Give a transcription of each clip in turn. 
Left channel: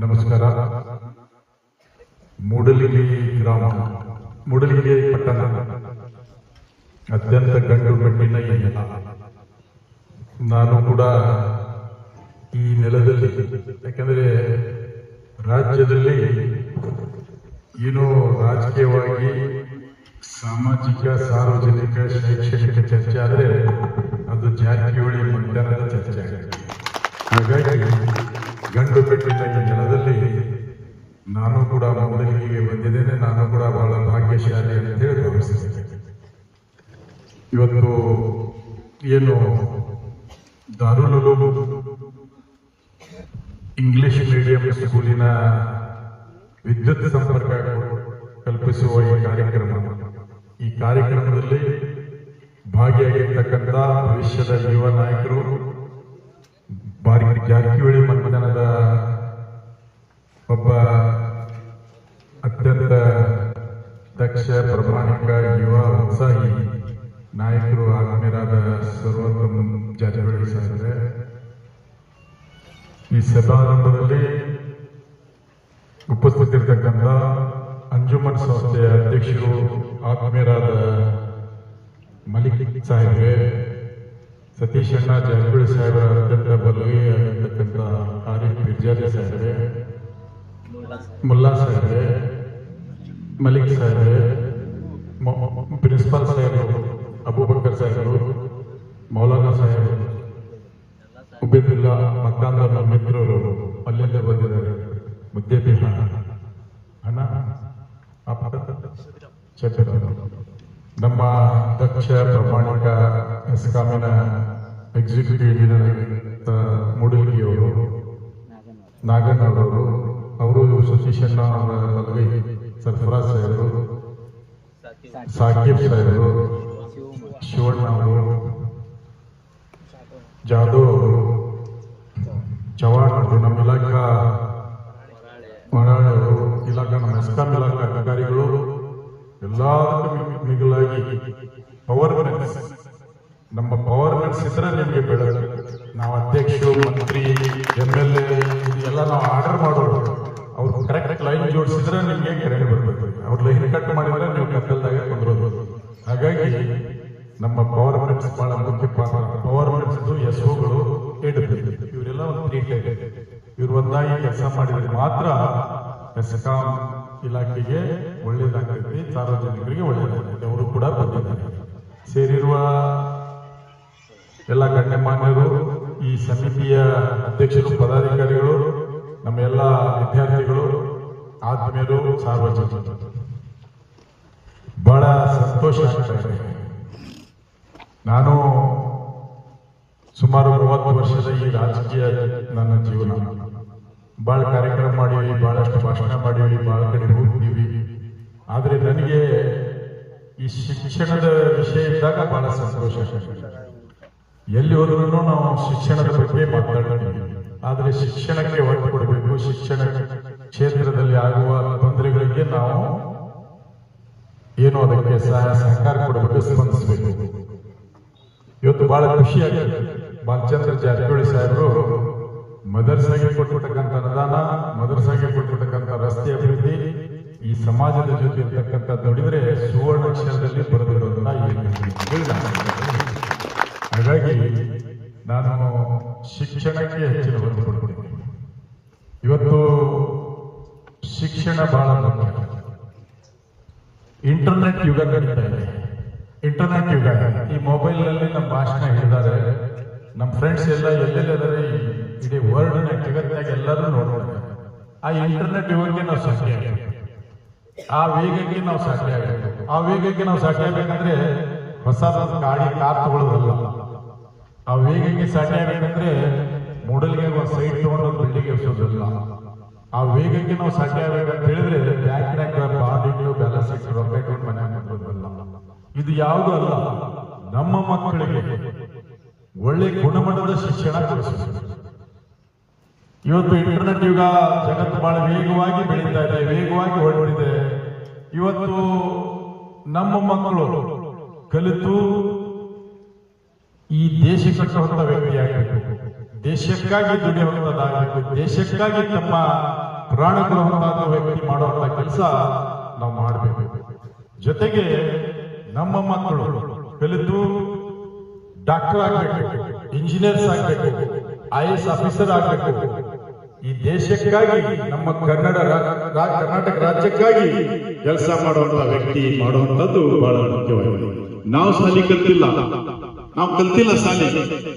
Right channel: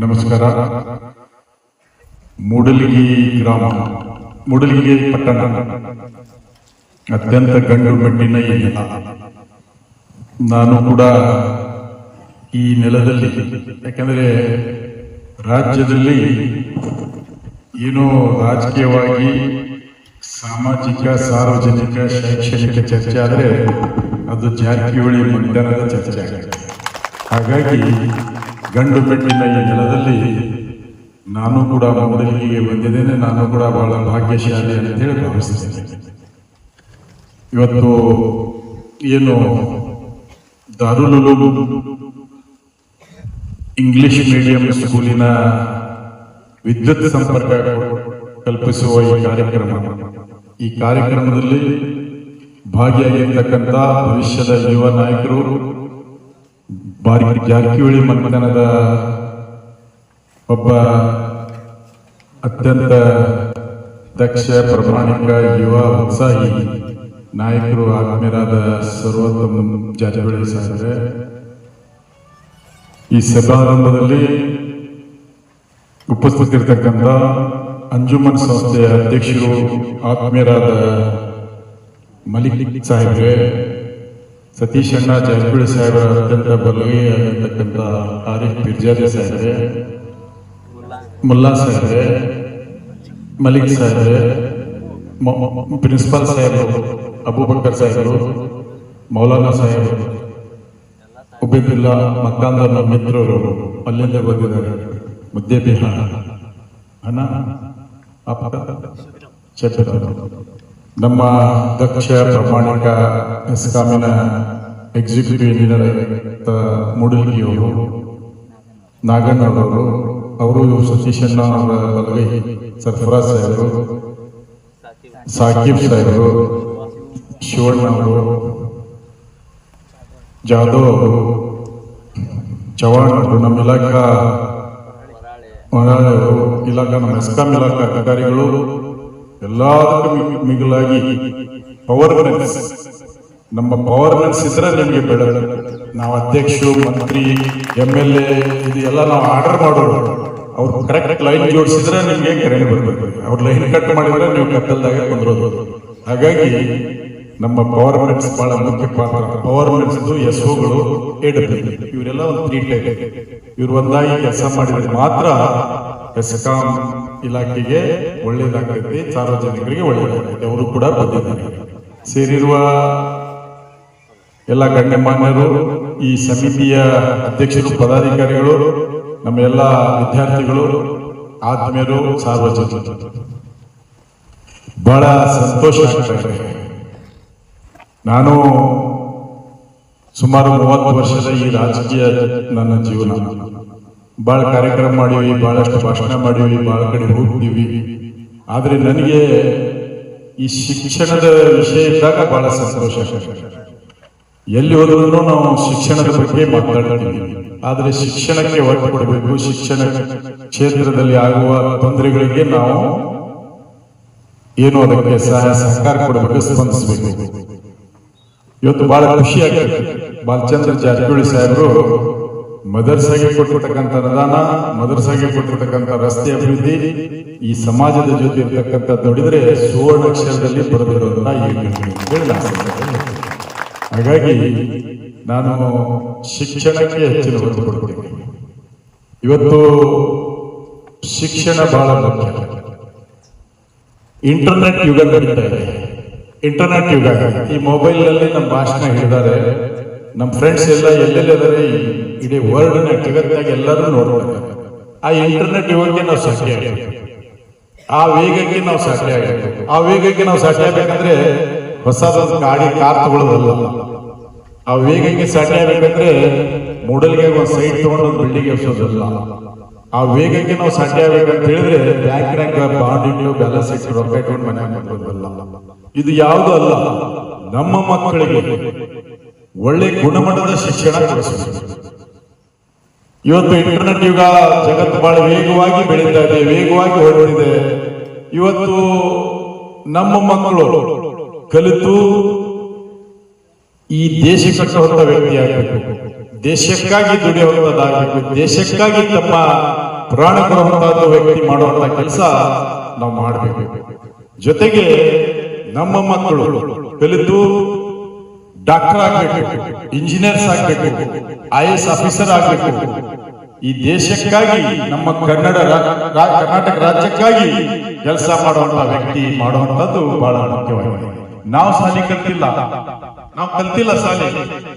ನಮಸ್ಕಾರ. ಮೂಡಲಗಿ ಗ್ರಾಮ, ಮೂಡಲಗಿ ಪಟ್ಟಣ ಅತ್ಯಂತ ಗಂಡು ಮೆಟ್ಟಿನ ಈ ನೆಲ. ನಾನು ಕೂಡ ಈ ನೆಲದಲ್ಲಿ, ಯಾಕಂದರೆ ರಾಜ್ಯದಲ್ಲಿ ಏನೋ ರಾಜಕೀಯವಾಗಿ ಸಾಮಾಜಿಕ, ಸಾರ್ವಜನಿಕ, ಶೈಕ್ಷಣಿಕ ಚರ್ಚೆ ಆದರೆ ಅದು ಜಾರಕಿಹೊಳಿ ಮತದಾನದ ಚರ್ಚೆ ಆಗುತ್ತೆ. ಹಾಗಾಗಿ ಗಂಡು ಮೆಟ್ಟಿನ ಈ ನೆಲದಲ್ಲಿ ನಾನು ಕೂಡ ಮೂಡಲಗಿಗೆ ಬಂದಿದ್ದೇನೆ. ನಾನು ಕೂಡ ಬಹಳ ಭಾಗ್ಯಶಾಲಿ ಅಂತೇಳಿ ಭಾವಿಸ್ತೇನೆ. ಇವತ್ತು ಏನು ದಾರುಲ್ ಉಲೂಮ್ ಇಂಗ್ಲಿಷ್ ಮೀಡಿಯಂ ಸ್ಕೂಲಿನ ವಿದ್ಯುತ್ ಸಂಪರ್ಕ ಕಲ್ಪಿಸುವ ಈ ಕಾರ್ಯಕ್ರಮದಲ್ಲಿ ಭಾಗಿಯಾಗಿರ್ತಕ್ಕಂಥ ಭವಿಷ್ಯದ ಯುವ ನಾಯಕರು, ಜಾರಕಿಹೊಳಿ ಮತದಾನದ ಒಬ್ಬ ಅತ್ಯಂತ ದಕ್ಷ, ಪ್ರಾಮಾಣಿಕ, ಯುವ ಉತ್ಸಾಹಿ ನಾಯಕರು ಆತ್ಮೀಯರಾದ ಸರ್ವೋತ್ತಮ ಜಾರಕಿಹೊಳಿ ಸಾಹೇಬ್ರೆ, ಈ ಸಮಾರಂಭದಲ್ಲಿ ಉಪಸ್ಥಿತರಿರ್ತಕ್ಕಂಥ ಅಂಜುಮನ್ ಸಂಸ್ಥೆಯ ಅಧ್ಯಕ್ಷರು ಆತ್ಮೀಯರಾದ ಮಲಿಕ್ ಸಾಹೇಬ್ರೆ, ಸತೀಶ್ ಅಣ್ಣ ಜಾರಕಿಹೊಳಿ ಸಾಹೇಬರ ಅತ್ಯಂತ ಬಲಗೈಯಾಗಿರ್ತಕ್ಕಂಥ ಆರಿಫ್ ಪಿರ್ಜಾದಿ ಸಾಹೇಬ್ರೆ, ಮುಲ್ಲಾ ಸಾಹೇಬ್ರೆ, ಮಲಿಕ್ ಸಾಹೇಬ್ರೆ, ಪ್ರಿನ್ಸಿಪಾಲ್ ಸಾಹೇಬರು, ಅಬೂಬಕರ್ ಸಾಹೇಬರು, ಮೌಲಾನಾ ಸಾಹೇಬರು, ಉಬೇದುಲ್ಲಾ ಮಕ್ಕಾಂದರ್ ಮಿತ್ರರು ಅಲ್ಲಿಂದ ಬಂದಿದ್ದಾರೆ. ಮುದ್ದೆ ಬಿಹಾರ ಅಣ್ಣ ನಮ್ಮ ದಕ್ಷ, ಪ್ರಾಮಾಣಿಕ ಎಸ್ಕಾಮಿನ ಎಕ್ಸಿಕ್ಯೂಟಿವ್ ಇಂಜಿನಿಯರ್ ಮೂಡಲಗಿಯವರು, ನಾಗಣ್ಣವರು, ಅವರು ಸತೀಶಣ್ಣ ಅವರ ಬಲಗೈ ಸರ್ಫರಾಜ್ ಸಾಹೇಬರು, ಸಾಕಿಬ್ ಸಾಹೇಬರು, ಶಿವಣ್ಣ ಅವರು, ಜಾಧವ್ ಅವರು, ಚವಾಣ್ ಅವರು, ನಮ್ಮ ಇಲಾಖಾ ನಮ್ಮ ಎಸ್ಕಾಂ ಇಲಾಖಾ ಅಧಿಕಾರಿಗಳು, ಎಲ್ಲದಕ್ಕೂ ಮಿಗಿಲಾಗಿ ಪವರ್ನೆಸ್, ನಮ್ಮ ಪವರ್ನೆಸ್ ಇದ್ರೆ ನಿಮಗೆ ಬೇಡ. ನಾವು ಅಧ್ಯಕ್ಷರು, ಮಂತ್ರಿ, MLA ಇದು ಎಲ್ಲ ನಾವು ಆರ್ಡರ್ ಮಾಡೋರು. ಅವ್ರು ಕರೆಕ್ಟ್ ಲೈನ್ ಜೋಡಿಸಿದ್ರೆ ನಿಮ್ಗೆ ಕರೆಂಟ್ ಬರ್ಬೇಕು. ಅವ್ರ ಲೈನ್ ಕಟ್ ಮಾಡಿದ್ರೆ ನೀವು ಕತ್ತಲ್ದಾಗ ಬಂದಿರೋದು. ಹಾಗಾಗಿ ನಮ್ಮ ಪವರ್ಮೆಂಟ್ಸ್ ಬಹಳ ಮುಖ್ಯ ಪಾತ್ರ. ಪವರ್ಮೆಂಟ್ಸ್ SOಗಳು, AW ಇವರೆಲ್ಲ ಒಂದು 3 ಟೈಪ್. ಇವ್ರು ಒಂದಾಗಿ ಕೆಲಸ ಮಾಡಿದ್ರೆ ಮಾತ್ರ ಎಸ್ಕಾಂ ಇಲಾಖೆಗೆ ಒಳ್ಳೇದಾಗ್ತೈತಿ, ಸಾರ್ವಜನಿಕರಿಗೆ ಒಳ್ಳೇದಾಗ್ತೈತಿ. ಅವರು ಕೂಡ ಬಂದಿದ್ದಾರೆ. ಸೇರಿರುವ ಎಲ್ಲ ಗಣ್ಯಮಾನ್ಯರು, ಈ ಸಮಿತಿಯ ಅಧ್ಯಕ್ಷರು, ಪದಾಧಿಕಾರಿಗಳು, ನಮ್ಮ ಎಲ್ಲ ವಿದ್ಯಾರ್ಥಿಗಳು, ಆತ್ಮೀಯರು, ಸಾರ್ವಜನಿಕರು, ಬಹಳ ಸಂತೋಷ ಆಗ್ತಾ ಇದೆ. ನಾನು ಸುಮಾರು 30 ವರ್ಷದ ಈ ರಾಜಕೀಯ ನನ್ನ ಜೀವನ. ಬಹಳ ಕಾರ್ಯಕ್ರಮ ಮಾಡಿವಿ, ಬಹಳಷ್ಟು ಭಾಷಣ ಮಾಡಿವಿ, ಬಹಳ ಕಡೆ ಹೋಗ್ತೀವಿ. ಆದ್ರೆ ನನಗೆ ಈ ಶಿಕ್ಷಣದ ವಿಷಯ ಇದ್ದಾಗ ಬಹಳ ಸಂತೋಷ. ಎಲ್ಲಿ ಹೋದ್ರೂ ನಾವು ಶಿಕ್ಷಣದ ಬಗ್ಗೆ ಮಾತಾಡ್ತೀವಿ. ಆದ್ರೆ ಶಿಕ್ಷಣಕ್ಕೆ ಒತ್ತು ಕೊಡಬೇಕು. ಶಿಕ್ಷಣ ಕ್ಷೇತ್ರದಲ್ಲಿ ಆಗುವ ತೊಂದರೆಗಳಿಗೆ ನಾವು ಏನು ಅದಕ್ಕೆ ಸಹಾಯ ಸಹಕಾರ ಕೊಡಬೇಕು, ಸ್ಪಂದಿಸಬೇಕು. ಇವತ್ತು ಬಹಳ ಖುಷಿ ಆಗ್ತದೆ. ಬಾಲಚಂದ್ರ ಜಾರಕಿಹೊಳಿ ಸಾಹೇಬರು ಮದರ್ಸಾಗೆ ಕೊಟ್ಟಿರ್ತಕ್ಕಂಥ ಅನುದಾನ, ಮದರ್ಸಾಗೆ ಕೊಟ್ಟಿರ್ತಕ್ಕಂಥ ರಸ್ತೆ ಅಭಿವೃದ್ಧಿ, ಈ ಸಮಾಜದ ಜೊತೆ ಇರ್ತಕ್ಕಂಥ ನೋಡಿದ್ರೆ ಸುವರ್ಣಾಕ್ಷರದಲ್ಲಿ ಬರೆದಿರೋದನ್ನ ಹೇಳಿ. ಹಾಗಾಗಿ ನಾನು ಶಿಕ್ಷಣಕ್ಕೆ ಹೆಚ್ಚಿನ ಒತ್ತು ಕೊಡ್ತೀನಿ. ಇವತ್ತು ಶಿಕ್ಷಣ ಬಹಳ ಮುಖ್ಯ. ಇಂಟರ್ನೆಟ್ ಯುಗ ನಡೀತಾ ಇದೆ. ಇಂಟರ್ನೆಟ್ ಯುಗ. ಈ ಮೊಬೈಲ್ ನಲ್ಲಿ ನಮ್ಮ ಭಾಷಣ ಹೇಳಿದ್ದಾರೆ. ನಮ್ಮ ಫ್ರೆಂಡ್ಸ್ ಎಲ್ಲ ಎಲ್ಲೆಲ್ಲಿದ್ದಾರೆ, ಇಡೀ ವರ್ಲ್ಡ್ ಜಗತ್ತಾಗ ಎಲ್ಲರೂ ನೋಡ್ತಾರೆ. ಆ ಇಂಟರ್ನೆಟ್ ಯುಗಕ್ಕೆ ನಾವು ಸಾಕ್ಷಿ ಆಗಬೇಕು. ಆ ವೇಗಕ್ಕೆ ನಾವು ಸಾಕ್ಷಿ ಆಗಬೇಕು. ಆ ವೇಗಕ್ಕೆ ನಾವು ಸಾಕ್ಷಿ ಆಗ್ಬೇಕಂದ್ರೆ ಹೊಸದೊಂದು ಗಾಡಿ, ಕಾರ್ ತಗೊಳ್ಳೋದಲ್ಲ. ಆ ವೇಗಕ್ಕೆ ಸಾಕ್ಷಿ ಆಗ್ಬೇಕಂದ್ರೆ ಮೂಡಲ್ಗೆ ಒಂದು ಸೈಟ್ ತಗೊಂಡು ಒಂದು ಬಿಲ್ಡಿಂಗ್ ಎಬ್ಸೋದಲ್ಲ. ಆ ವೇಗಕ್ಕೆ ನಾವು ಸಾಧ್ಯ ಆಗ್ಬೇಕಂತ ಹೇಳಿದ್ರೆ ಬ್ಯಾಂಕ್ನಾಗ ಬಾಂಡ್ ಇಟ್ಟು, ಬ್ಯಾಲೆನ್ಸ್ ಇಟ್ಟು, ರೊಕ್ಕ ಇಟ್ಕೊಂಡು ಮನೆ ಮಾಡೋದಲ್ಲ. ಇದು ಯಾವುದು ಅಲ್ಲ. ನಮ್ಮ ಮಕ್ಕಳಿಗೆ ಒಳ್ಳೆ ಗುಣಮಟ್ಟದ ಶಿಕ್ಷಣ ಕೊಡಿಸಬೇಕು. ಇವತ್ತು ಇಂಟರ್ನೆಟ್ ಯುಗ, ಜಗತ್ತು ಬಹಳ ವೇಗವಾಗಿ ಬೆಳೀತಾ ಇದೆ, ವೇಗವಾಗಿ ಹೊರಟಿದೆ. ಇವತ್ತು ನಮ್ಮ ಮಕ್ಕಳು ಕಲಿತು ಈ ದೇಶ ಕಟ್ಟುವಂತ ವ್ಯಕ್ತಿ ಆಗಬೇಕು, ದೇಶಕ್ಕಾಗಿ ದುಡಿಯುವಂತದ್ದಾಗಬೇಕು, ದೇಶಕ್ಕಾಗಿ ತಮ್ಮ ಪ್ರಾಣ ಕೊಡುವಂತಹದ್ದು ವ್ಯಕ್ತಿ ಮಾಡುವಂತ ಕೆಲಸ ನಾವು ಮಾಡಬೇಕು. ಜೊತೆಗೆ ನಮ್ಮ ಮಕ್ಕಳು ಕಲಿತು ಡಾಕ್ಟರ್ ಆಗ್ಬೇಕು, ಇಂಜಿನಿಯರ್ಸ್ ಆಗ್ಬೇಕು, IAS ಆಫೀಸರ್ ಆಗ್ಬೇಕು. ಈ ದೇಶಕ್ಕಾಗಿ ನಮ್ಮ ಕರ್ನಾಟಕ ರಾಜ್ಯಕ್ಕಾಗಿ ಕೆಲಸ ಮಾಡುವಂತ ವ್ಯಕ್ತಿ ಮಾಡುವಂತದ್ದು ಬಹಳ ಮುಖ್ಯವಾಗಿದೆ. ನಾವು ಶಾಲೆ ಕಲ್ತಿಲ್ಲ ಶಾಲೆ.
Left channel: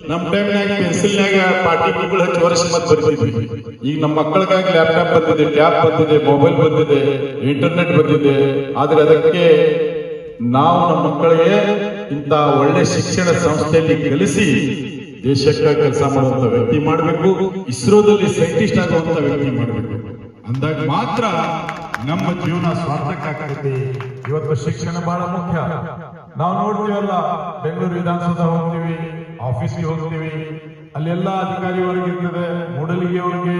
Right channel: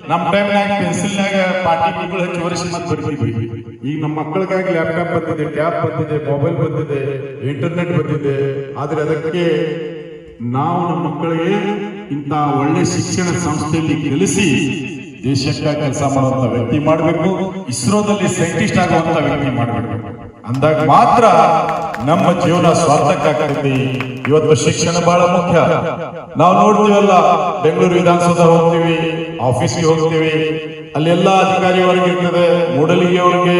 ನಮ್ಮ ಟೈಮ್ನಾಗ ಪೆನ್ಸಿಲ್ನಾಗ ಪಾಠಗಳು ಹಚ್ಚಿ ವರ್ಷ ಮತ್ತೆ ಬರ್ತಿದ್ವಿ. ಈಗ ನಮ್ಮ ಮಕ್ಕಳಿಗಾಗಿ ಲ್ಯಾಪ್ಟಾಪ್ ಬಂದಿದೆ, ಟ್ಯಾಬ್ ಬಂದಿದೆ, ಮೊಬೈಲ್ ಬಂದಿದೆ, ಇಂಟರ್ನೆಟ್ ಬಂದಿದೆ. ಆದ್ರೆ ಅದಕ್ಕೆ ನಾವು ನಮ್ಮ ಮಕ್ಕಳಿಗೆ ಇಂಥ ಒಳ್ಳೆ ಶಿಕ್ಷಣ ಸಂಸ್ಥೆಯಲ್ಲಿ ಕಲಿಸಿ ದೇಶಕ್ಕಾಗಿ ಕೆಲಸ ಮಾಡುವಂತ ವ್ಯಕ್ತಿ ಮಾಡಬೇಕು. ಇಸ್ರೋದಲ್ಲಿ ಸೈಂಟಿಸ್ಟ್ ಆಗುವಂತ ವ್ಯಕ್ತಿ ಮಾಡಬೇಕು. ಅಂದಾಗ ಮಾತ್ರ ನಮ್ಮ ಜೀವನ ಸಾರ್ಥಕಾಗ್ತೈತಿ. ಇವತ್ತು ಶಿಕ್ಷಣ ಬಹಳ ಮುಖ್ಯ. ನಾವು ನೋಡ್ತೀವಲ್ಲ, ಬೆಂಗಳೂರು ವಿಧಾನಸೌಧ ಹೋಗ್ತೀವಿ, ಆಫೀಸ್ಗೆ ಹೋಗ್ತೀವಿ, ಅಲ್ಲೆಲ್ಲ ಅಧಿಕಾರಿ ವರ್ಗ ಇರ್ತದೆ. ಮೂಡಲಿಗೆ ಅವ್ರಿಗೆ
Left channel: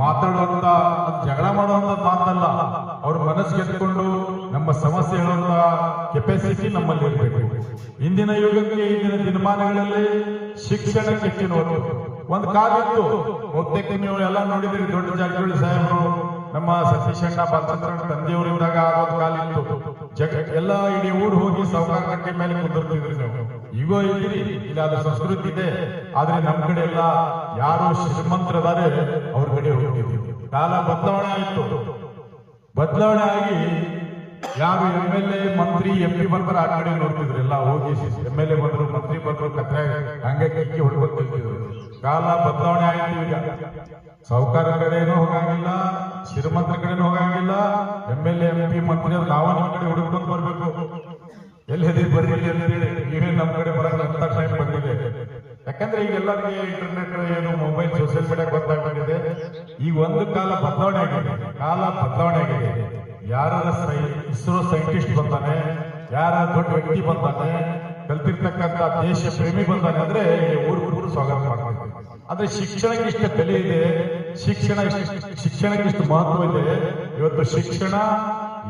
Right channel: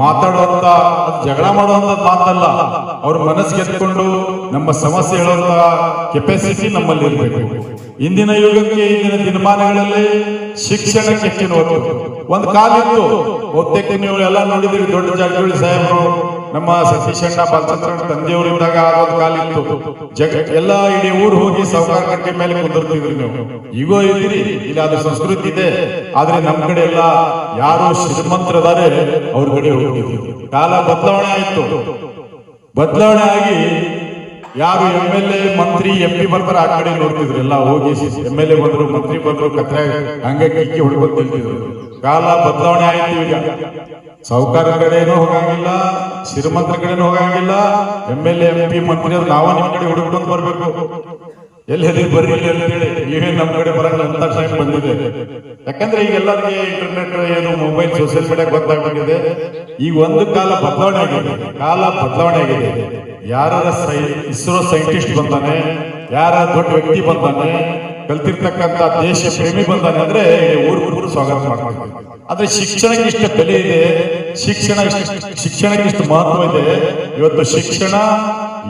ಮಾತಾಡುವಂತ, ಜಗಳ ಮಾಡುವಂತ ಮಾತಲ್ಲ, ಅವ್ರ ಮನಸ್ಸು ಗೆದ್ಕೊಂಡು ನಮ್ಮ ಸಮಸ್ಯೆ ಹೇಳುವಂತ ಕೆಪಾಸಿಟಿ ನಮ್ಮಲ್ಲಿ ಇರಬೇಕು. ಇಂದಿನ ಯುಗಕ್ಕೆ, ಇಂದಿನ ದಿನಮಾನಗಳಲ್ಲಿ ಶಿಕ್ಷಣಕ್ಕೆ ಹೆಚ್ಚಿನ ಒತ್ತು. ಒಂದು ಕಾಲಿತ್ತು, ಬಹುತೇಕ ನೀವು ಎಲ್ಲ ನೋಡಿದ್ರಿ, ದೊಡ್ಡ ಜಾರಕಿಹೊಳಿ ಸಾಹೇಬರು, ನಮ್ಮ ಸತೀಶ್ ಅಣ್ಣ ಬಾಲಚಂದ್ರಣ್ಣ ತಂದೆಯವರಿದ್ದಾಗ ಆಗೋದು ಕಾಲಿತ್ತು. ಎಲ್ಲ ಇಡೀ ಊರು ಹೋಗಿ ಸಾವುಕಾರ ಕಟ್ಟೆ ಮೇಲೆ ಕುಂದಿರ್ತಿದ್ರಿ ನೀವು. ಈಗೋ ಇದ್ದೀರಿ, ಇಲ್ಲಿ ಅದು ಸಂಸ್ಕೃತಿ ಇದೆ. ಆದ್ರೆ ನಮ್ಮ ಕಡೆ ಎಲ್ಲ ಯಾರು ಶ್ರೀಮಂತರದಾರೆ ಅವ್ರ ಕಡೆ ಹೋಗಿದ್ದೀವಿ. ಕಾಲ ಬದಲಾವಣೆ ಆಯ್ತು. ಬದಲಾವಣೆ ಆಗಿ ಯಾರು MLA ಮಂತ್ರಿ MP ಬರ್ತಾರ ಆ ಕಡೆ ನೋಡ್ತಿದ್ರು. ಎಲ್ಲ ಹೋಗಿ MLA ಬಂದ್ರು, ಮಂತ್ರಿ ಬಂದ್ರು, ಕತ್ರೆ ಹಂಗೆ ಕಿಕ್ಕಿ ಹೊಡ್ಕೊಂಡು ನಿಲ್ತಿದ್ರು. ಕಾಲ ಬದಲಾವಣೆ ಆಯ್ತು. ಈಗ ಸಾಹುಕಾರ ಕಡೆನೂ ಹೋಗಂಗಿಲ್ಲ, ಶ್ರೀಮಂತರ ಕಡೆನೂ ಹೋಗಂಗಿಲ್ಲ. MLA MP ಮಂತ್ರಿ ಅವ್ರು ನಾವು ನಿಮ್ಮ ಕಡೆ ಹುಡುಕೊಂಡು ಬರ್ಬೇಕು. ಎಲ್ಲಿ ಬರ್ರಿ ಅಂತ ಹೇಳಿ ನೀವೇನ್ ನಮ್ಮ ಕಡೆ ಬರಂಗ ಅಂತ ಟೈಮ್ ಬಂದಿದೆ. ಯಾಕಂದ್ರೆ ಈಗ ಎಲ್ಲರಿಗೆ ಇಂಟರ್ನೆಟ್, ಏನು ಮೊಬೈಲ್, ಸೋಷಿಯಲ್ ಮೀಡಿಯಾ ಗೊತ್ತಾಗ್ಬಿಟ್ಟಿದೆ. ಈಗ ಒಂದು ಕಾಲ ಬದಲಾವಣೆ ಆಗಿದೆ. ಯಾರ ಇಸ್ರೋ ಸೈಂಟಿಸ್ಟ್ ಬಂದಾನೆ, ಯಾರ ದೊಡ್ಡ ವ್ಯಕ್ತಿ ಬಂದಾನೆ, ಕಲ್ತಿರ್ತಕ್ಕಂಥ ದೇಶ ಪ್ರೇಮಿ ಬಂದಾನೆ ಅಂದ್ರೆ ಊರು ಸ್ವಾಗತ ಮಾಡ್ತಾರೆ. ಆದ್ರೆ ಶಿಕ್ಷಣಕ್ಕೆ ಇಷ್ಟ ಬೆಲೆ ಇದೆ, ಶಿಕ್ಷಣಕ್ಕೆ ಇಷ್ಟು ಮಹತ್ವ ಇದೆ. ಇವತ್ತು ಶಿಕ್ಷಣ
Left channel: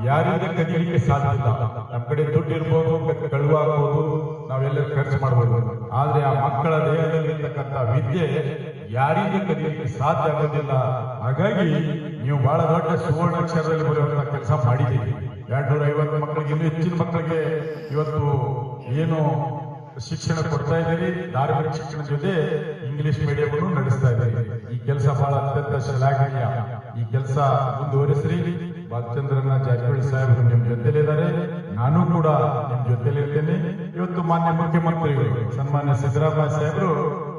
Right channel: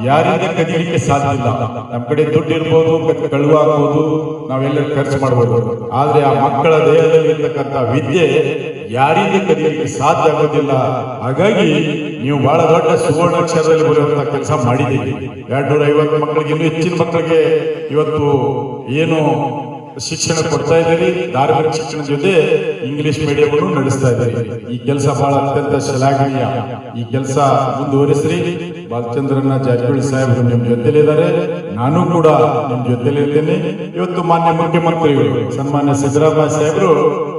ಯಾರಿಂದ ಕದಿಲಿಕ್ಕೆ ಸಾಧ್ಯ ಇಲ್ಲ. ನಮ್ಮ ಕಡೆ ದುಡ್ಡು ಇರ್ಬೋದು, ಕಳುವಾಗ್ಬೋದು, ನಾವೆಲ್ಲ ಖರ್ಚು ಮಾಡ್ಬೋದು. ಆದ್ರೆ ಆ ಮಕ್ಕಳ ದೇಹದಲ್ಲಿ ಇರ್ತಕ್ಕಂಥ ವಿದ್ಯೆ ಯಾರಿಂದ ಕದಿಲಿಕ್ಕೆ ಸಾಧ್ಯ ಆಗೋದಿಲ್ಲ. ಹಾಗಾಗಿ ನೀವು ಬಹಳ ದೊಡ್ಡ ಸುವರ್ಣಾಕ್ಷರದಲ್ಲಿ ಬರುವಂತ ಕೆಲಸ ಮಾಡಿದ್ದೀರಿ. 250 ಮಕ್ಕಳಿಗೆ, ಇನ್ನೂ ಹೆಚ್ಚಿನ ಮಕ್ಕಳಿಗೆ ಇವತ್ತು ಏನು ಶಿಕ್ಷಣ ಕೊಡ್ತಾ ಇದ್ದೀರಿ. ಧಾರ್ಮಿಕ ಶಿಕ್ಷಣ ಜೊತೆ ಇಂಗ್ಲಿಷ್ ಮೀಡಿಯಂ ನಡೆಸ್ತಾ ಇದ್ದೀರಿ. ಈ ಕೆಲಸ ಬಹಳ ಅತ್ಯಂತ ಶ್ಲಾಘನೀಯ. ಈ ಕೆಲಸ ಮುಂದುವರಿಸ್ರಿ. ಬಾಲಚಂದ್ರಣ್ಣ ಜಾರಕಿಹೊಳಿ ಸಾಹೇಬರು ನಿಮ್ ಜೊತೆಲಿದ್ದಾರೆ, ನಾನು ಕೂಡ ನಿಮ್ ಜೊತೆಲಿರ್ತೇನೆ. ಇವತ್ತು ಮಾನ್ಯ ಮುಖ್ಯಮಂತ್ರಿಗಳು ಸನ್ಮಾನ್ಯ ಸಿದ್ದರಾಮಯ್ಯ ಸಾಹೇಬರು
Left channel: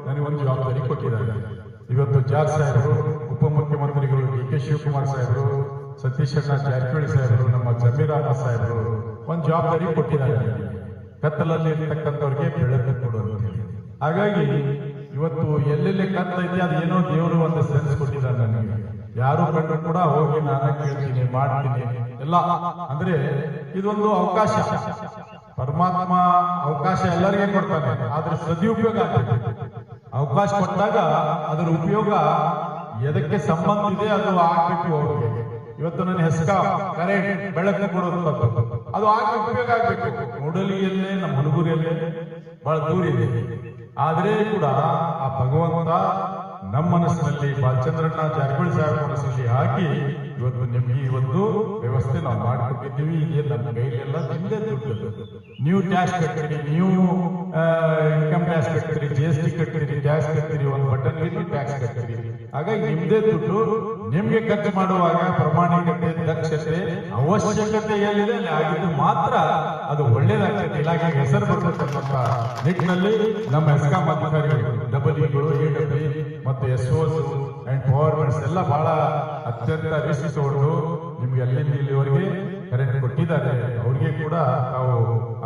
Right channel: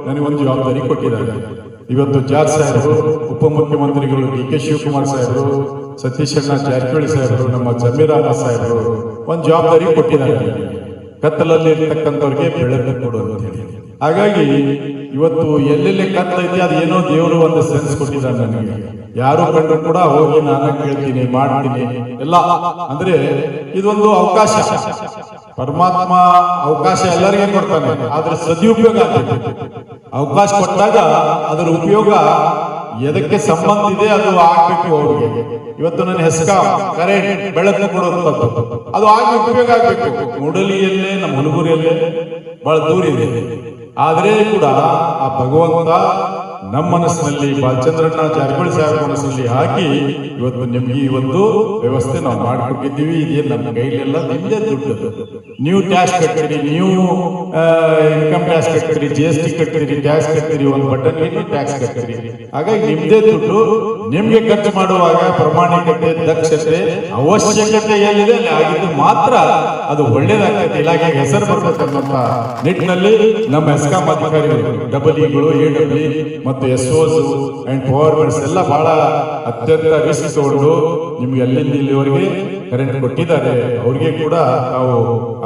ನನಗೊಂದು ಜವಾಬ್ದಾರಿ ಕೊಟ್ಟಿದ್ದಾರೆ. ಇವತ್ತು ಜಾರ್ಜ್ ಸಾಹೇಬರು, ಉಪಮುಖ್ಯಮಂತ್ರಿಗಳು DK ಶಿವಕುಮಾರ್ ಸಾಹೇಬರು, ಸತೀಶ್ ಅಣ್ಣ ಜಾರಕಿಹೊಳಿ ಸಾಹೇಬರು, ನಮ್ಮ ಜಮೀರ್ ಅಹಮದ್ ಸಾಹೇಬರು ಒಂದು ಜವಾಬ್ದಾರಿ ಕೊಟ್ಟಿದ್ದಾರೆ. ಕತ್ತಲಲ್ಲಿ ಇರ್ತಕ್ಕಂಥವ್ರಿಗೆ ಬೆಳಕು ಕೊಡೋದು. ಹಾಗಾಗಿ ಇವತ್ತು ಎಲ್ಲೆಲ್ಲಿ ಕತ್ತಲೈತಿ ಅದೇನೋ ದೇವರು ಒಂದು ಸೆನ್ಸ್ ಕೊಟ್ಟಿದ್ದಾರೆ ನನಗೆ. ಯಾರು ಕಂಡ್ರು ಕೂಡ ಹೋಗಿ ನಾನು ಕೇಳ್ತೀನಿ, ಮಾಡ್ತೀನಿ ಎಲ್ಲ. ಅಂದ್ರೆ ಇದೊಂದು ಅವಕಾಶ. ಪರಮಾತ್ಮ ಅವಕಾಶ ಎಲ್ಲರಿಗೂ ಕೊಡ್ತಾನೆ, ಆದ್ರೆ ಸದುಪಯೋಗ ಆಗ್ಬೇಕು. ಅವಕಾಶ ಕೊಟ್ಟಾಗ ಅದರ ಉಪಯೋಗ ಎದಕ್ಕೆ ಸಂಬಂಧ ಇದೆ ಅದು ಆಗ್ಬೇಕು ಅವ್ರಿಗೆ. ಇವತ್ತು ನನ್ನ ಹೆಸ್ಕಾಂ ಕರೆಂಟ್ ಬೆಳಕು ಕೊಡುವಂಥದ್ದು ಅದು ಆಗಿ ಉಪಯೋಗ ಆಗ್ಬೇಕು. ಮೂಡಲಿಯಲ್ಲೇ, ನಮ್ಮ ಹುಡುಗರಿಯಲ್ಲೇ ಬಹಳ ದೂರ ಇದೆ. ಆದ್ರೆ ಕೂಡ ಆ ಭಗವಂತ ನಮ್ಮ ಮನಸ್ಸಿನಲ್ಲಿ, ಬಾಲಚಂದ್ರಣ್ಣ ಜಾರಕಿಹೊಳಿ ಸಾಹೇಬ್ ಮನಸ್ಸಿನಲ್ಲಿ ಹಾಕಿ ಇವತ್ತು ನಿಮ್ಗೆ ಈ ಒಂದು ವ್ಯವಸ್ಥೆ ನಾವು ಮಾಡಿಕೊಟ್ಟಿದ್ದೀವಿ. ಇದೇ ನಮ್ಮ ಕೈಲೆಲ್ಲ ನಿಮ್ದೇ ದುಡ್ಡು. ನೀವು ಟ್ಯಾಕ್ಸ್ ಕಟ್ತೀರಿ, ನೀವು ಇನ್ಕಮ್ ಟ್ಯಾಕ್ಸ್ ಕಟ್ತೀರಿ, GST ಕಟ್ತೀರಿ, ಟ್ಯಾಕ್ಸ್ ಕಟ್ತೀರಿ, ಒಂದು ಬಟನ್ ಟ್ಯಾಕ್ಸ್ ಕಟ್ತೀರಿ. ಹಾಗಾಗಿ ನಿಮ್ದೇ ದುಡ್ಡು. ನಿಮ್ಗೆ ಖರ್ಚು ಮಾಡುವಾಗ ಪ್ರಾಮಾಣಿಕತೆ, ದಕ್ಷತೆ, ಅವಶ್ಯಕತೆ ಏನಿದೆ ಅಲ್ಲಿ ಆಗಿದ್ದು ಮಾತ್ರ ಅದು ಒಳ್ಳೇದಾಗ್ತದೆ. ಇಲಾಖೆಗೆ ಹೆಸರು ಬರ್ಬೇಕನ್ನೋಂಥ ನಿಟ್ಟಿನಲ್ಲಿ ನಮ್ಮ ಹೆಸ್ಕಾಂ ಅಧಿಕಾರಿಗಳು, ಡಬಲ್ಇಗಳು, AWE ಮತ್ತು SOs ಅಂಡ್ ಪವರ್ಮೆಂಟ್ಸ್ ಎಲ್ಲ ಬಹಳ ಅತ್ಯಂತ ರಿಸ್ಕ್ ತಗೊಂಡು ನಿಮ್ಗೆ ಎಲ್ಲಿಂದ ಇಲ್ಲಿವರೆಗೆ ಕರೆಂಟ್ ಕೊಟ್ಟಿದ್ದಾರೆ. ಅವ್ರಿಗೆ ಕೂಡ ನಾವು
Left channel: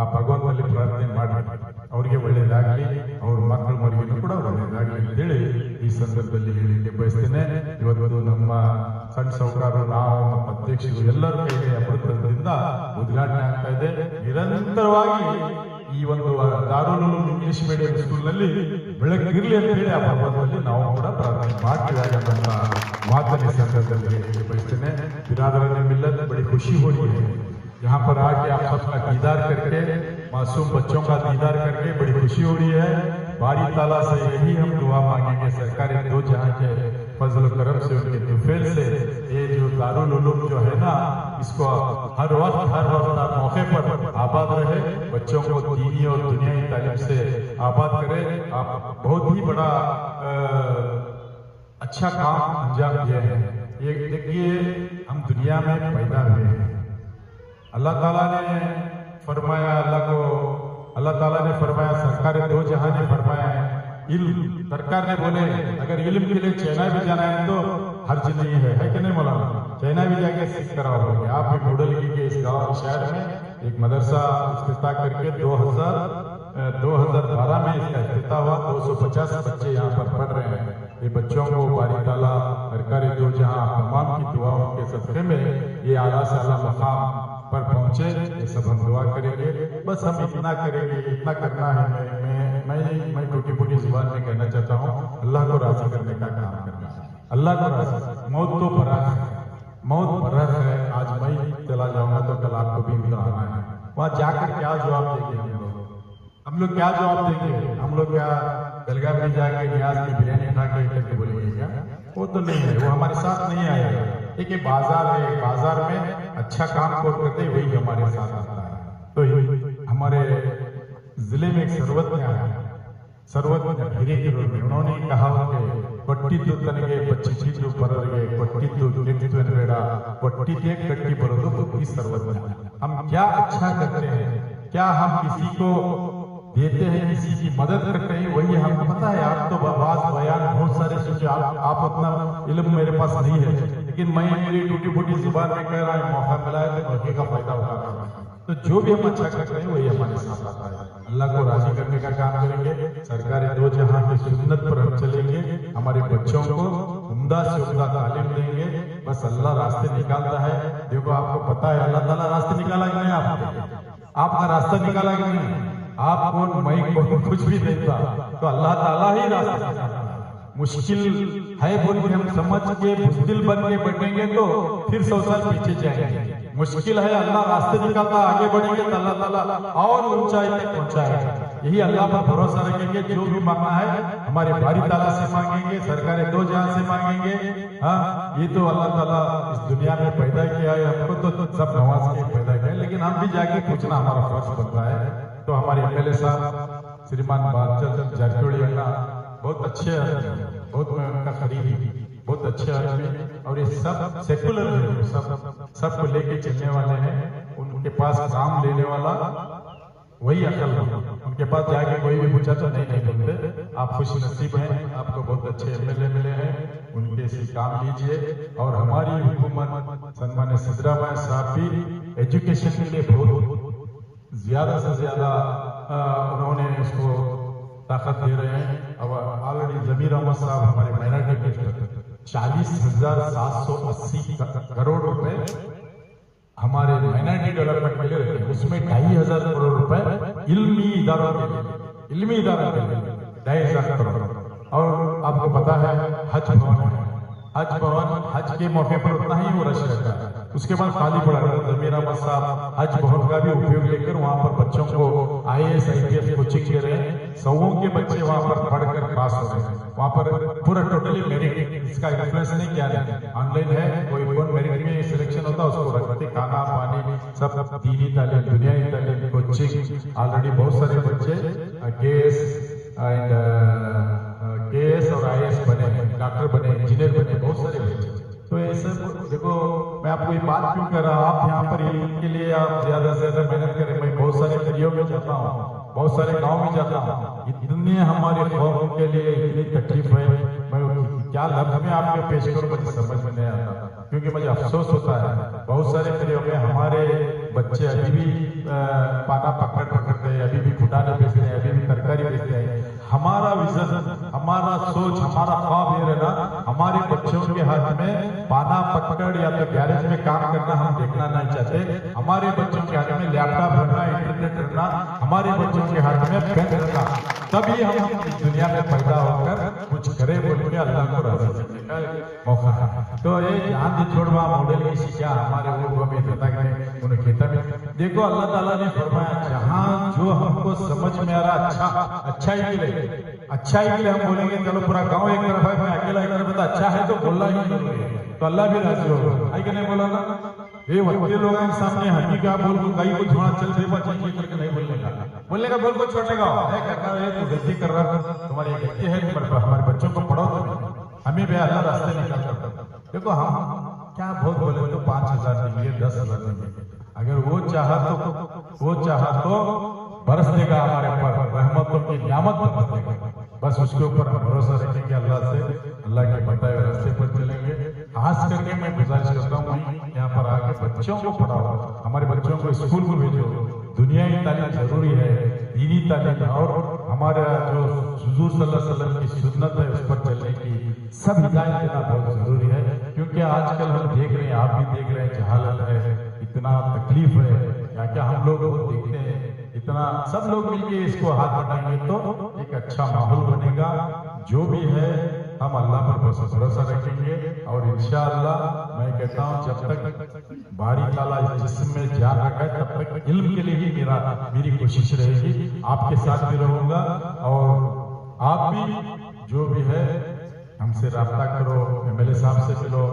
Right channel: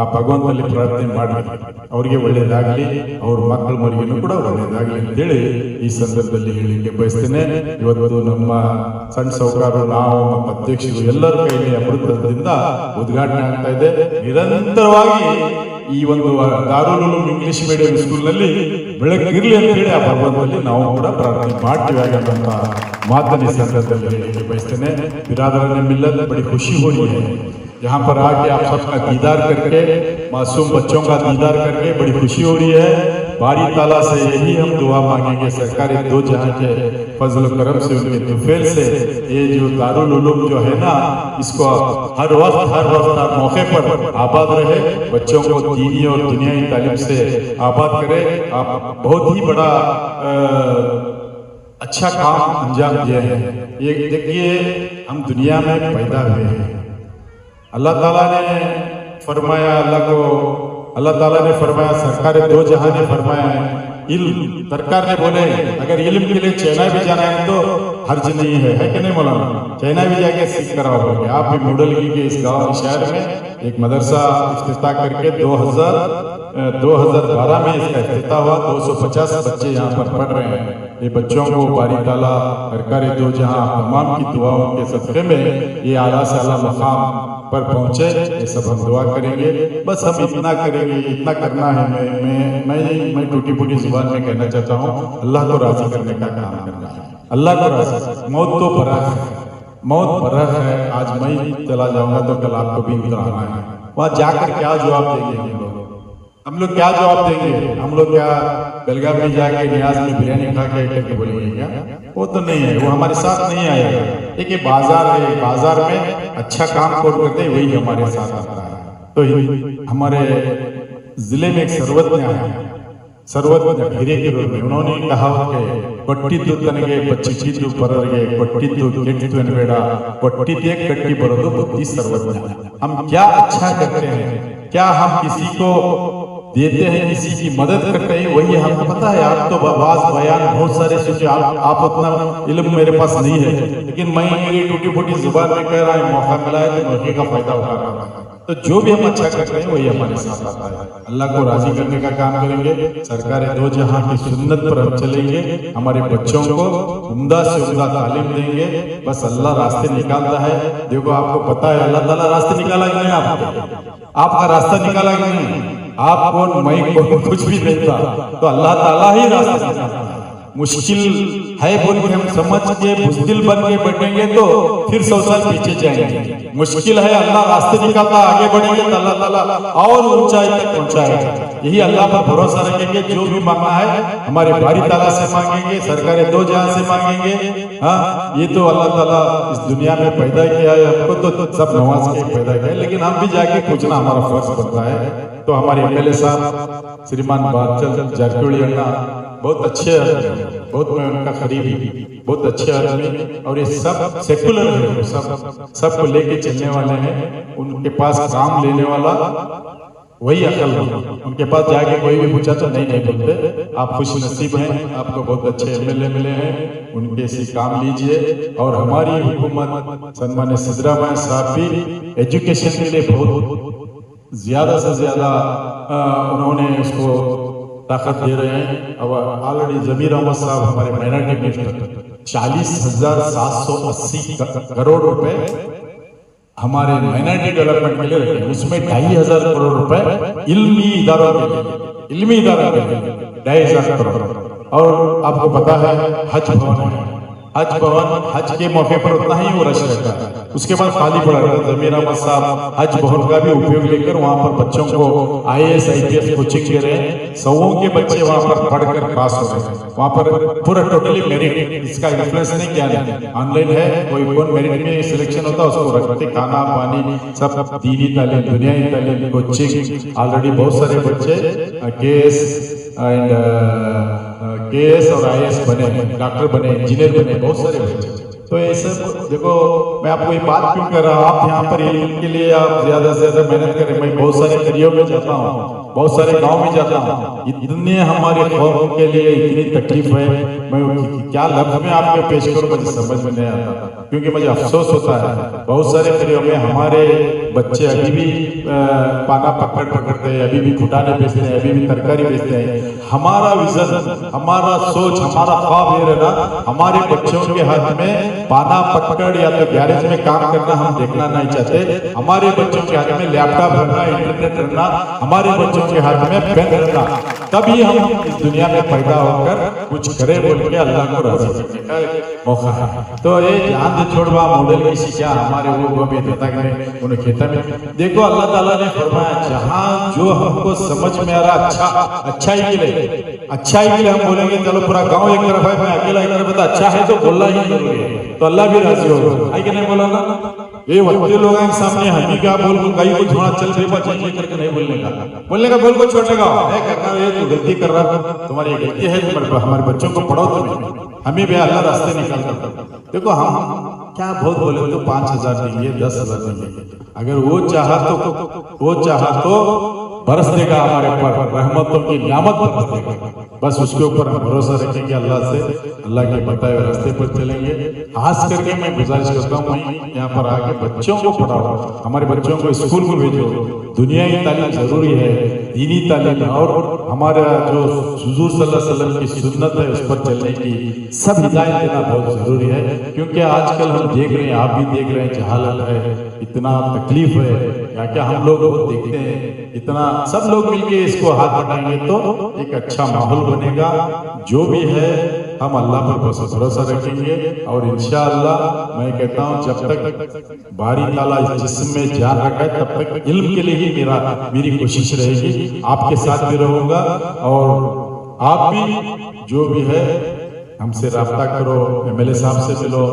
ಆ ಭಗವಂತನಲ್ಲಿ ಪ್ರಾರ್ಥನೆ ಮಾಡಿ ಅವ್ರಿಗೆ ಒಳ್ಳೇದಾಗ್ಲಿ, ಅವ್ರ ಮಕ್ಕಳ ಮರಿಗೂ ಕೂಡ ಒಳ್ಳೇದಾಗ್ಲಿ ಅಂತೇಳಿ ಈ ಸಂದರ್ಭದಲ್ಲಿ ಹೇಳಿಕೆ ಬಯಸ್ತೇನೆ. ಇವತ್ತು ನಮ್ಮ ಸಣ್ಣ ಸಾಹುಕಾರರು, ನಾವು, ನಮ್ಮ ಅಧ್ಯಕ್ಷರು ಎಲ್ಲರ ಕೈಲಿ ಅಮೃತದಿಂದ ಉದ್ಘಾಟನೆ ಆಗ್ತಾ ಇದೆ. ನಿರಂತರವಾಗಿ ಈ ಒಂದು ದಾರುಲ್ ಉಲೂಮ್ ಇಂಗ್ಲಿಷ್ ಮೀಡಿಯಂ ಸ್ಕೂಲ್ನಲ್ಲಿ ಬೆಳಕಿರ್ಲಿ ಅಂತ ಹೇಳಿ ಆ ಭಗವಂತನಲ್ಲಿ ನಾವು ಕೂಡ ಪ್ರಾರ್ಥನೆ ಮಾಡ್ತೀವಿ ಅನ್ನುವಂಥ ಮಾತನ್ನ ಈ ಸಂದರ್ಭದಲ್ಲಿ ಹೇಳಿಕೆ ಬಯಸ್ತೇನೆ. बिरादरान मिल्लत बड़ी खुशी हो रही है यहाँ पर आके आप सबका दीदार करके, मासूम बच्चों का दीदार करके बड़ी खुशी हो रही है। बारी ताला से यही हम दुआ मांगेंगे, सरकार दो जहां के फजल करम से, उनके तुफैल से, ये जो दारुल उलूम जो है ना, इसको हर वक्त हर मौके पर आबाद रहे, बच्चों को दीनी और दुनियाई तालीम से आबाद करे। आप बहुत ही बड़ा अच्छा काम अंजाम दिया है। ये देखिए, हम दुनिया में पैदा हुए हैं, अल्लाह ताला ने फरमाया, अल्लाह ताला ने फरमाया, सरकार दो जहां ने फरमाया है, इल्म। सरकार ने बोले अगर इल्म के लिए चाइना भी जाना है तो हर्ज नहीं है कि नहीं मौलाना? चाइना भी जाके सीख कर आओगे। आप भी मॉडल की इस गांव शहर में एक मदरसा इफ्तिताह करके 2012 में इसका इफ्तिताह हुआ। 250 बच्चे यहाँ पर पढ़ रहे हैं। ये बच्चों को बारी ताला सरकार दो जहां तमाम की दुआओं के सदक़े में ये आला से आला मकाम पर पहुंचे, ये सब हम दुआ करेंगे। बस हम इतना करेंगे, इतना करना है। मैं टूटी फूटी जुबान में कहना चाहता हूँ, अल्लाह को राजी करने का काम करना है। अल्लाह को राजी, मौत तो बरह है, मौत बरह है। आज मैं चला जाऊंगा तो कल आपको भी उधर आना है। वहां जाकर क्या जवाब देंगे हम लोग क्या जवाब देंगे? हम लोग क्या बेलगाम में जाके नियाज में बिरयानी खा के करके बोलेंगे क्या? वो तो नहीं है, वो हमारे साथ नहीं आएगा। एक ये बाजार है, बाजार में अच्छा काम कौन करते हैं वही हमारे साथ आता है। तो हमारे जिले में एक सर्वज्ञ है, सर्वज्ञ हिरेकेरूर में, उन्होंने कहा कि ಕೊಟ್ಟಿದ್ದು ತನಗೆ ಬಚ್ಚಿಟ್ಟಿದ್ದು ಪರರಿಗೆ ಕೊಟ್ಟಿದ್ದು ಕೆಟ್ಟಿತು ಎನ್ನಬೇಡ ಕೊಟ್ಟಿದ್ದೇ ಕಟ್ಟಿ ಬರೋದು ಬುದ್ಧಿ ಸರ್ವಜ್ಞ। हम क्या अच्छा करते हैं, क्या हम किसी को देते हैं, किसी की मदद करते हैं, वही हमको पता है। आप तो आवाज बयान बहुत सारे सोचे, आप उतना इल्म मेरे पास नहीं है, लेकिन मैं मेरी टूटी फूटी जुबान में कह रहा हूँ, मौका मिला है तो मौके का फायदा उठा रहा हूँ। तो जो भी हम अच्छा करते हैं वही हमारे साथ आता है। अल्लाह को राजी करने का काम करेंगे, सरकार दो जहां की सुन्नत पर हम चलेंगे, हमारे बच्चों को उम्दा से उम्दा तालीम देंगे। बस अल्लाह रास्ते निकालता है। देखो, आपको पता है अल्लाह ताला रास्ते निकाला कि नहीं? आपका रास्ता निकाला कि नहीं? आप कौन, मैं कौन, कुछ भी नहीं था, तो अल्लाह ताला ही रास्ता निकालता है। मुश्किल है बोल के हम समझ के बुज़दिल बन के बैठेंगे तो फिर 100 साल पीछे जाएंगे। मुश्किल है, अल्लाह रास्ते निकालता, आगे बढ़ेंगे तो अल्लाह ताला और ऊंचाई तक पहुंचाएगा। यही अल्लाह पर भरोसा रखेंगे, जो भी मांगना है हमारे बारी ताला से मांगेंगे, सरकार दो जहां से मांगेंगे। हाँ, ये तो अल्लाह ताला इस दुनिया में पैदा किया है, हमको तो सब नवाज के पैदा किया है, लेकिन हम भी जाके पूछना हमारा फर्ज बनता है। तो हमारे एमएलए साहब श्रीमान बादल जारकिहोली अन्ना बहुत अच्छे आदमी, बहुत मैं उनका करीबी, बहुत अच्छे आदमी, और ये सब सेकुलर है, सबको लेके चलने वाले हैं। उनके पास काम लेने वाला वही अकल है। उनके पास जाके कोई भी पूछा तो नहीं बोलते। आप खुश नसीब हैं, आपको बहुत अच्छे एमएलए मिले हैं, उनके से काम लीजिए। और हमारी हुकूमत सन्मान्य सिद्धरामैया साहब भी एजुकेशन के लिए बहुत ज्यादा से ज्यादा उन्होंने उसको ताकत दे रहे हैं। अब ऑलरेडी जमीर अहमद साहब हमारे माइनॉरिटी मिनिस्टर 40,780 करोड़ रुपए हमारे माइनॉरिटी डेवलपमेंट के लिए रखे, उसमें 2,500 करोड़ रुपए इल्मी इदारों के लिए 2,500 करोड़। और आपको पता है हज भवन, हज के मौके पर उतना ही वो रश रहता है, उसके बाद खाली पड़ा रहता है। जमीर अहमद साहब हज भवन का भी उपयोग लेकर वहां पर बच्चों को IAS IPS कोचिंग दे रहे हैं। 100 के बच्चे वहां पर पढ़कर पास हो रहे हैं। वहां पर पूरा टोटली मेरिट, इसका इन्फ्लुएंस नहीं किया जाता, ऑनलाइन है। कोई कौन मेरिट में सिलेक्शन होता है उसको रखते, खाना पानी सब, दीनी तालीम, दुनियाई तालीम, कोचिंग। ऑलरेडी बहुत सारे बच्चे KS और IAS बने, डॉक्टर बने, इंजीनियर बने, बहुत सारे बच्चे। तो ये सब देखो, मैं आपको ये बात क्यों कर रहा हूँ, आप यहाँ पर इनके लिए आप ज्यादा से ज्यादा मेहनत करें। मैं बहुत सारे करियों में जाता हूँ, बहुत सारे गांव में जाता हूँ, इतने हमारे कौम के लिए इतनी तकलीफ है, मैं क्या लफ्ज में आपको पेश करूँ मुझे समझ में नहीं आता, क्योंकि मुझे अफसोस होता है। बहुत सारे करियों में हमारे बच्चे अभी भी पाना पकड़ते हैं, अभी भी फुटाने बेचते हैं, अभी भी तरकारी बेचते हैं। हमारा विजन, हमारा सोच, हमारा ख्वाब ये रहना, हमारे बच्चों के हाथ में पाना पकड़ या तो गैरेज में काम करना हम देखना नहीं चाहते। हमारे बच्चों के हाथ में लैपटॉप रखना, इंटरनेट रखना, हमारे बच्चों बच्चों के हाथ में पेन रखा, तभी हम इस दुनिया में पैदा होकर कुछ करें बोल के अल्लाह को राजी करने का मौका है। तो ये ध्यान दे छोड़वा मॉडल की शिक्षा हमारे वो भी देता है उन्हें खेता में। देखो अल्लाह ताला ने फरमाया जहाँ जो हमको समझ में आ रहा अच्छाई के लिए हम बोलेंगे चलो पूरा गांव एक तरफ है, मैं अकेला एक तरफ, अच्छा है तो बोलना ही जरूरी है, तो अल्लाह भी राजी होगा। है कि नहीं बोला ना? ये बच्चे लोगों के सामने हमी का बोल को कहीं को थोड़ा चल फिर बचेंगे करके नहीं बोलने का बोल को छोड़ने का करना, ये तो गलती कर रहा है, तुम्हारी गलती है, हमारे बच्चों को पढ़ाओ तुम्हें, हमें भी अल्लाह रास्ते निकाल कर। देखो हम क्या बहुत बोले तो 5,000 देंगे, 10,000 देंगे, अगर वो चाहा तो बरस देगा हमारे ऊपर, रहमतों की नियामत बरस देगा। बस उसके ऊपर हम भरोसा रखेंगे, अल्लाह के बताए हुए रास्ते पर चलेंगे। खास करके मैं गुजारिश करता हूँ यहाँ पर आके बच्चों को पढ़ाओ, हमारे बच्चों को स्कूल में भेजो। दुनियाई तालीम जरूरी है, दीनी तालीम, और हमारा जो हुजूर सल्लल्लाहु अलैहि वसल्लम की सुन्नत है उस पर चलने की सब हिदायत देना बहुत जरूरी है। क्योंकि आजकल हम देख रहे हैं, आप भी देख रहे हैं, जहालत है, इतना तकलीफ है, क्या हम लोग देखते हैं, इतना सब लोग मिलके इसको हाथ बढ़ाएंगे तो एक अच्छा माहौल बनेगा। जो भी है हम अल्लाह पर भरोसा रखेंगे और इंशाअल्लाह मैं कहता हूँ जब तक बारी ताला इस जिस्म में जान रखा है तब तक इल्म के लिए ही मेरी कोशिश रहेगी, आपके साथ भी रहूंगा। और आप भी जो भी है हमसे राब्ता करो, MLA साहब से मिलो,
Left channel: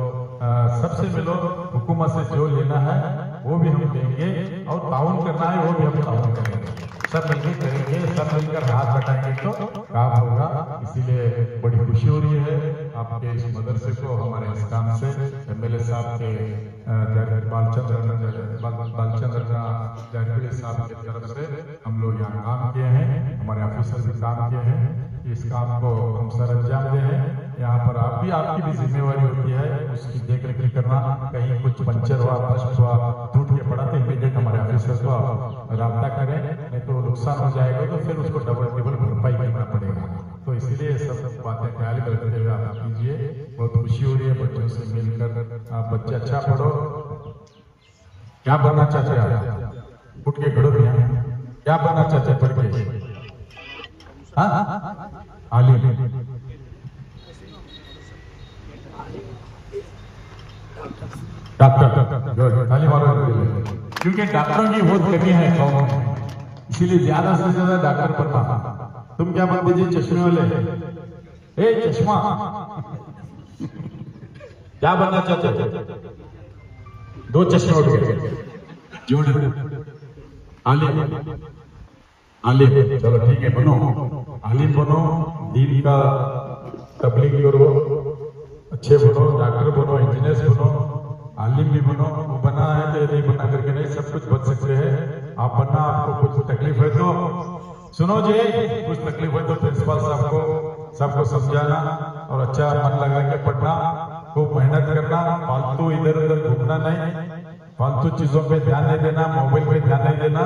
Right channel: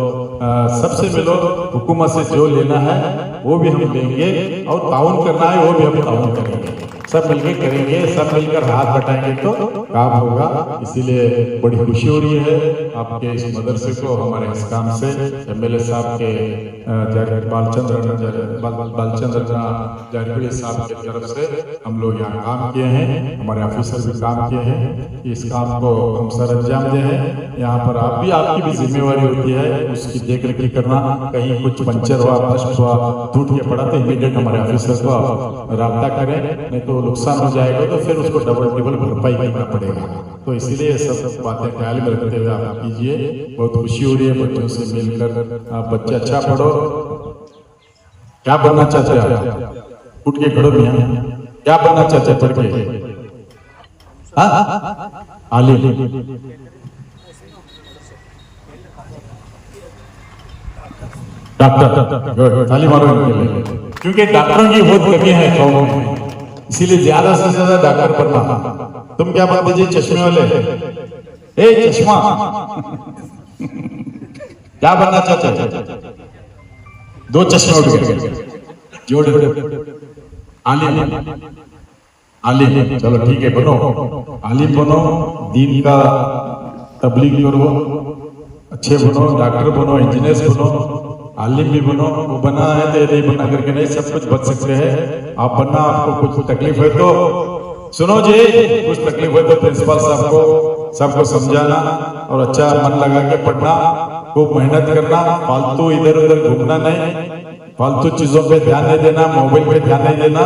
सबसे मिलो, हुकूमत से जो लेना है वो भी हम लेंगे और ताउन करना है वो भी हम ताउन करेंगे, सब मिलकर करेंगे, सब मिलकर हाथ बटाएंगे तो काम होगा। इसीलिए बड़ी खुशी हो रही है आपके इस मदरसे को हमारे इस काम से MLA साहब के बालचंद्र जारकुड़ी साहब की तरफ से हम लोग यहाँ काम किए हैं, हमारे ऑफिसर भी काम किए हैं, इस काम को हम सर अंजाम दे हैं। यहाँ पर आप भी, आपकी भी जिम्मेवारी होती है उसकी देख रेख करना, कहीं कुछ पंचर हुआ, नष्ट हुआ, टूट के पड़ा तो इमीडिएट हमारे ऑफिसर को राब्ता करें, नहीं तो नुकसान हो जाएगा तो फिर उसको डबल भरपाई करना पड़ेगा। तो इसीलिए सब बातें ख्याल में रखते हुए आप कीजिए। बहुत खुशी हो रही है बच्चों से मिलकर। आप बच्चे अच्छा पढ़ो, क्या बनना चाहते हैं? उठ के खड़ो भी, क्या बनना चाहते हैं पढ़ के? आलिम, डॉक्टर, ताली मारो इनके लिए, क्योंकि डॉक्टरों की बहुत कमी है कौमों में, इसीलिए ज्यादा से ज्यादा डॉक्टर बनना। तुम क्या बात है जी चश्मे वाले, ए चश्मा क्या बनना चाहते हो? 2 चश्मे उठ गए, जोड़े आलिम, आलिम, चलो ठीक है बनो, आलिम बनो, दीन का तबलीग करो, अच्छे बनो, डॉक्टर बनो, इंजीनियर बनो, आलिम भी बनो। वो बना है तो नहीं बना करके नहीं, सब कुछ बच सकते हैं आप बनना। आपको कुछ तकलीफ है तो सुनो जी, कुछ तकलीफ है तो प्रिंसिपल साहब को सबको समझाना और अच्छा मन लगा के पढ़ना, खूब मेहनत करना, फालतू इधर उधर घूमना नहीं, फालतू चीजों पे ध्यान नहीं देना, मोबाइल पे ध्यान नहीं देना।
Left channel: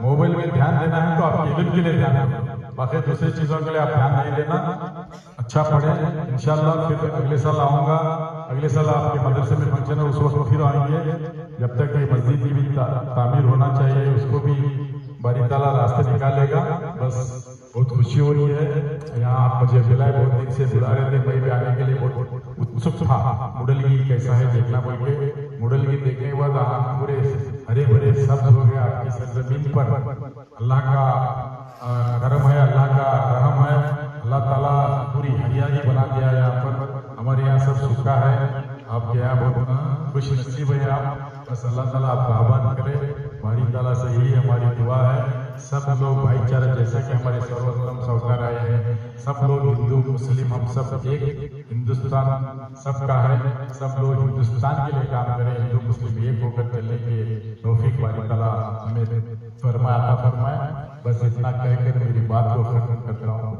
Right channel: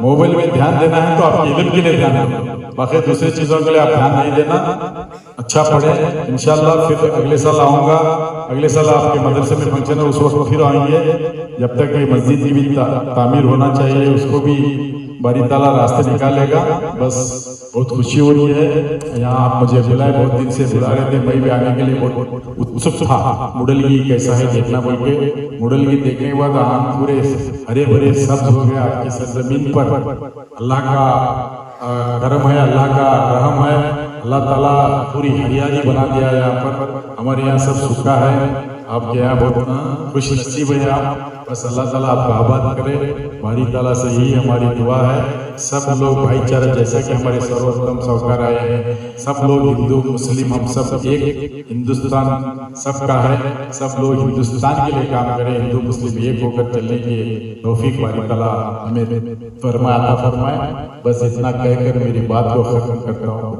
मोबाइल में ध्यान देना है तो आपके इल्म के लिए ध्यान देना, बाकी दूसरी चीजों के लिए आप ध्यान नहीं देना। अच्छा पढ़े, इंशाल्लाह फिर अगले साल आऊंगा, अगले साल आपके मदरसे में फंक्शन है उस वक्त फिर आएंगे। जब तक ये मस्जिद की भी तामीर होना चाहिए, उसको भी बारी ताला रास्ते निकालेगा। बस बहुत खुशी हो रही है, यहाँ आप मुझे बुलाए, बहुत दिन से बुला रहे थे, मैं भी आने के लिए बहुत उत्सुक था। मुडलगी कैसा है देखना बोल के, मुडलगी देखने के बाद आम पूरे हरे भरे सब्ज हो गया आपकी सरजमीन पर। अल्लाह का करम है, अल्लाह का रहम है, अल्लाह ताला पूरी हरियाली बना दिया है यहाँ पर। हमारे यहाँ सब सूखा है, आपके यहाँ बहुत खुश नसीब है आप। बस अल्लाह ताला आपको आबाद करे, बारी ताला से ही हमारी दुआ है। सब लोग भाईचारा, जैसा कि हमारे सर्वोत्तम साहूकार आए हैं, सब लोग हिंदू मुस्लिम हम सब एक, हिंदुस्तान सबका है, सब लोग हिंदुस्तान के लिए काम करें, हिंदू मुस्लिम एक होकर चलने की तौफीक बारी ताला हमें फरमाए। बस इतना कहकर मेरी बात को खत्म करता हूँ।